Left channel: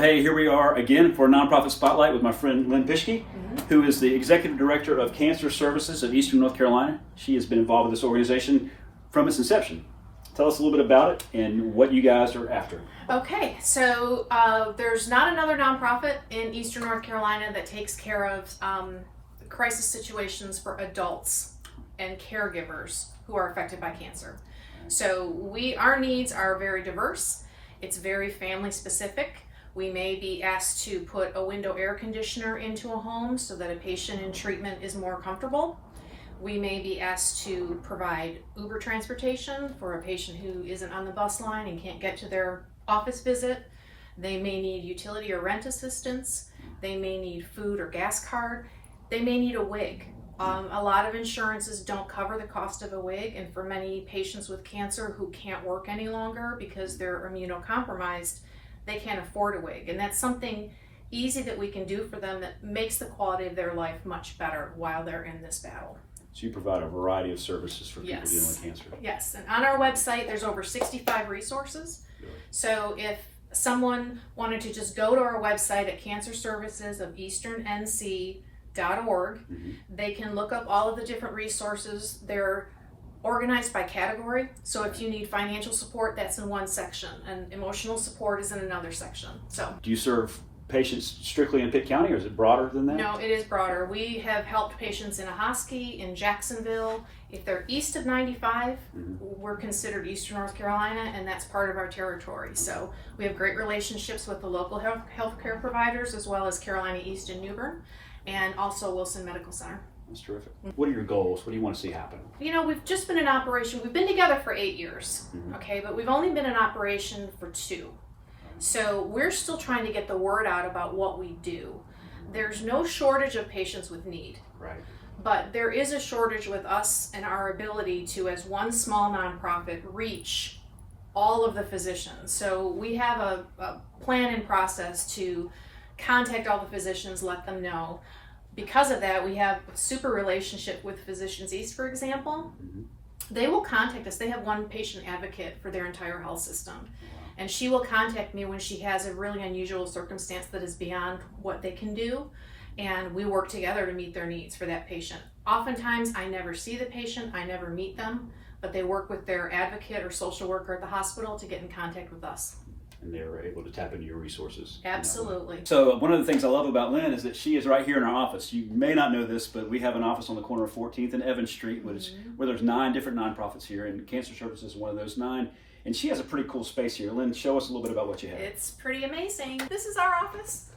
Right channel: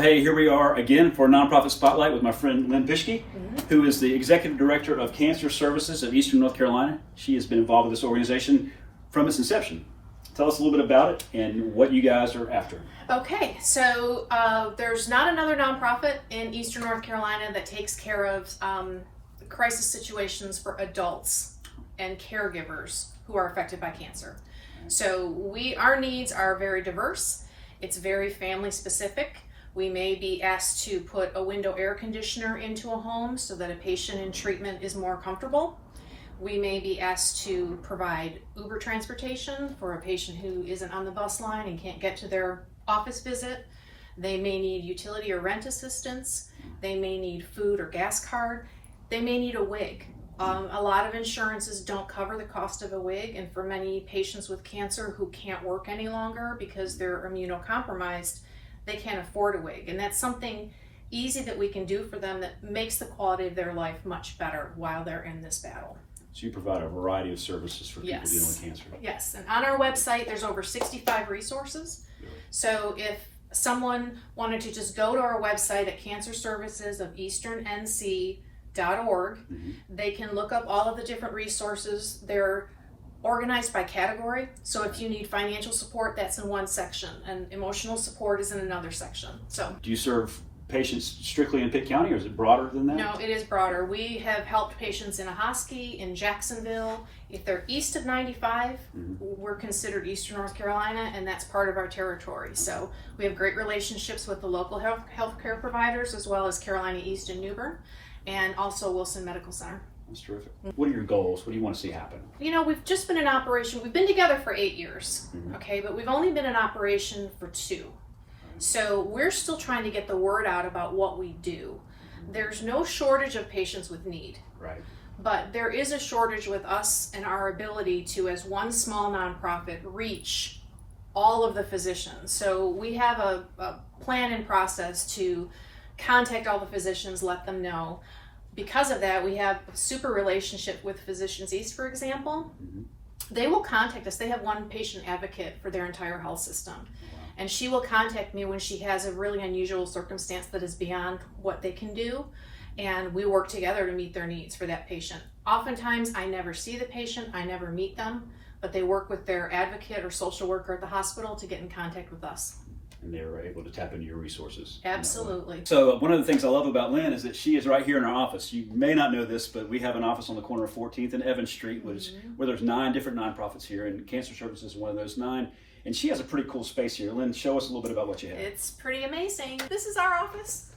Well, hey, here we are again for Nonprofit Spotlight with my friend Lynn Pischke, who is the Executive Director of Cancer Services of Eastern North Carolina. She has been involved with this organization from its inception. Tell us a little bit about it and what you guys are after. Okay, so there's not another nonprofit in Eastern North Carolina that takes care of crisis situations for adults and caregivers who are affected by cancer. So our needs are very diverse. It's very family specific. We may be asked to put a window air conditioner into a home so that a patient in treatment is more comfortable. We may be asked to provide Uber transportation for a patient who isn't on the bus line and can't get to their office visit. They may need utility or rent assistance. They may need food or gas card. They may need a wig. A lot of insurances don't cover the cost of a wig, and for many patients with cancer who can't work any longer because they're immunocompromised, they can't afford a wig. And that's something easy that we can do for them that makes the quality of their life much better while they're in this battle. So you provide a variety of services for people dealing with cancer. Yes, and on our website there's over 65 resources. Really? So if someone wanted to just go to our website at cancerservicesofeasternnc.org, they can look up all of the different resources. They're organized by category. So if you need financial support, that's in one section, and emotional support is in another section. So do you serve patients strictly in Pitt County, or is it broader than that? No, it is broader. We have helped patients in Ahoskie, in Jacksonville. If they're east of 95, we're considered Eastern North Carolina, and that's part of our territory. So we have great relationships with the local healthcare providers, as well as Carolina East and New Bern, and also Wilson Medical Center. That's terrific. What are your goals? What do you want to see happen? You know, we've just been in operation. We've been together for 8 years, okay, but we've only been in operation for 2. So we're still trying to get the word out about what we do. There's no shortage of patients with need. Right. But there is a shortage with us and our ability to, as one small nonprofit, reach all of the physicians. So we have a plan and process to contact all the physicians, let them know. Because of that, we have a super relationship with Physicians East, for example. They will contact us. They have one patient advocate for their entire health system. And she will contact me when she has a really unusual circumstance that is beyond what they can do. And we work together to meet their needs for that patient. Oftentimes, I never see the patient, I never meet them, but they work with their advocate or social worker at the hospital to get in contact with us. And they're able to tap into your resources. Absolutely. So one of the things I love about Lynn is that she is right here in our office. You may not know this, but we have an office on the corner of 14th and Evans Street, where there's 9 different nonprofits here, and Cancer Services is one of those 9. And she has a pretty cool space here. Lynn, show us a little bit about what you have. It's pretty amazing. This is our office.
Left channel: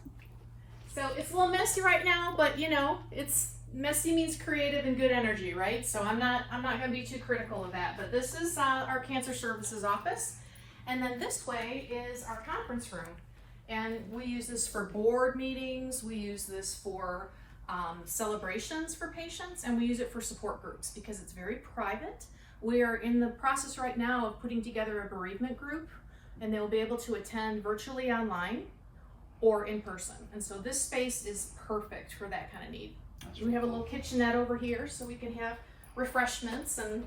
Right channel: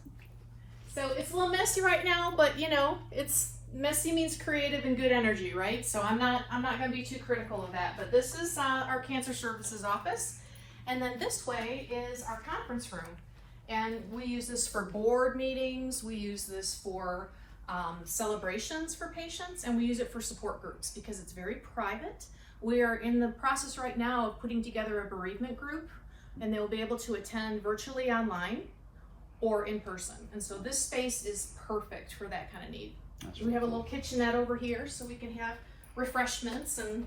So it's a little messy right now, but you know, it's messy means creative and good energy, right? So I'm not going to be too critical of that. But this is our Cancer Services office. And then this way is our conference room. And we use this for board meetings. We use this for celebrations for patients, and we use it for support groups because it's very private. We are in the process right now of putting together a bereavement group, and they'll be able to attend virtually online or in person. And so this space is perfect for that kind of need. We have a little kitchenette over here so we can have refreshments, and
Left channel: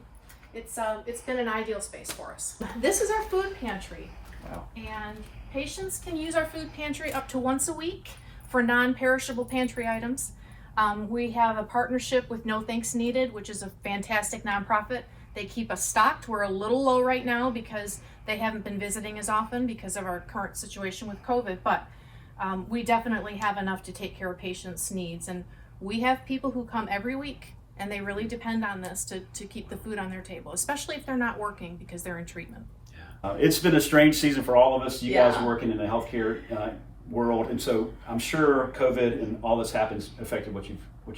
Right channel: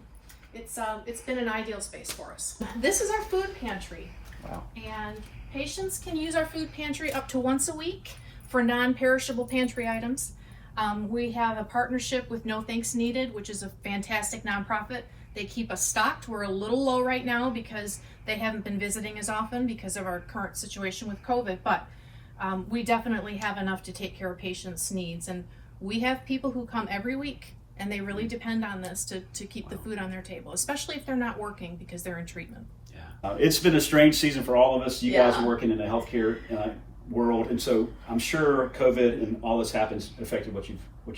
it's been an ideal space for us. This is our food pantry. Wow. And patients can use our food pantry up to once a week for non-perishable pantry items. We have a partnership with No Thanks Needed, which is a fantastic nonprofit. They keep us stocked. We're a little low right now because they haven't been visiting as often because of our current situation with COVID, but we definitely have enough to take care of patients' needs. And we have people who come every week, and they really depend on this to keep the food on their table, especially if they're not working because they're in treatment. It's been a strange season for all of us. You guys are working in the healthcare world, and so I'm sure COVID and all this happens affected what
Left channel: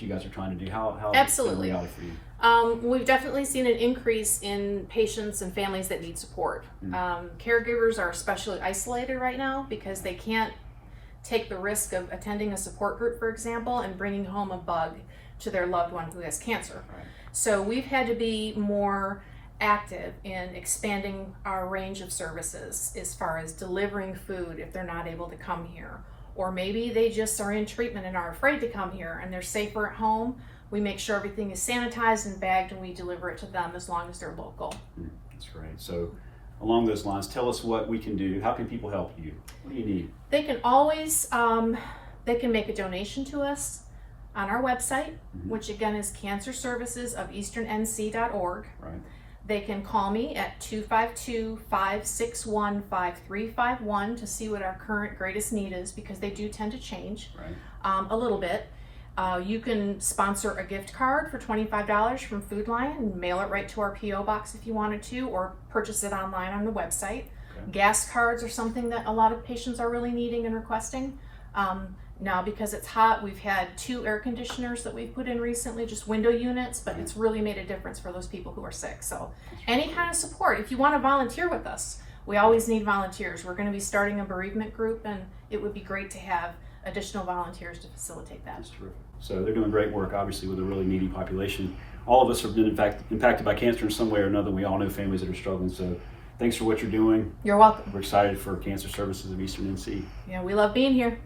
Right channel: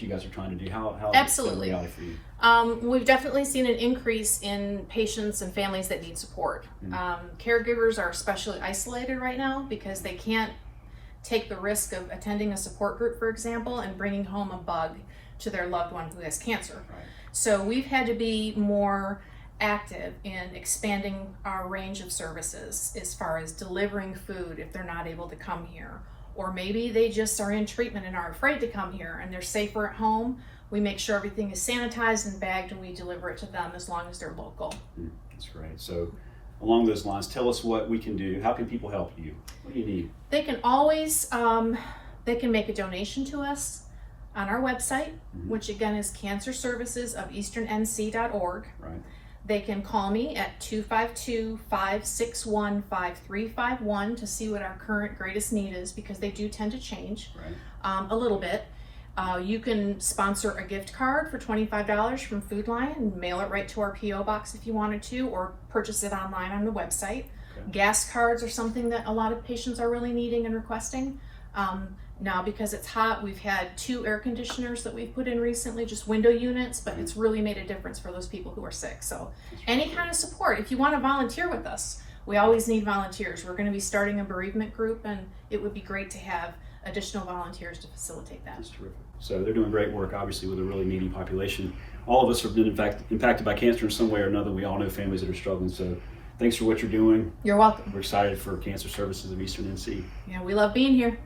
you guys are trying to do. How Absolutely. Is that a reality for you? We've definitely seen an increase in patients and families that need support. Caregivers are especially isolated right now because they can't take the risk of attending a support group, for example, and bringing home a bug to their loved one who has cancer. Right. So we've had to be more active in expanding our range of services as far as delivering food if they're not able to come here, or maybe they just are in treatment and are afraid to come here and they're safer at home. We make sure everything is sanitized and bagged and we deliver it to them as long as they're local. That's right. So along those lines, tell us what we can do. How can people help you? What do you need? They can always, they can make a donation to us on our website, which again is cancerservicesofeasternnc.org. Right. They can call me at 252-561-5351 to see what our current greatest need is, because they do tend to change a little bit. You can sponsor a gift card for $25 from Food Lion and mail it right to our P.O. box if you wanted to, or purchase it online on the website. Okay. Gas cards are something that a lot of patients are really needing and requesting. Now, because it's hot, we've had 2 air conditioners that we've put in recently, just window units, but it's really made a difference for those people who are sick. So any kind of support, if you want to volunteer with us, we always need volunteers. We're going to be starting a bereavement group, and it would be great to have additional volunteers to facilitate that. That's terrific. So they're doing great work, obviously, with a really needy population. All of us have been, in fact, impacted by cancer in some way or another. We all know families that are struggling. So thanks for what you're doing. You're welcome. We're excited for Cancer Services of Eastern NC. Yeah, we love being here.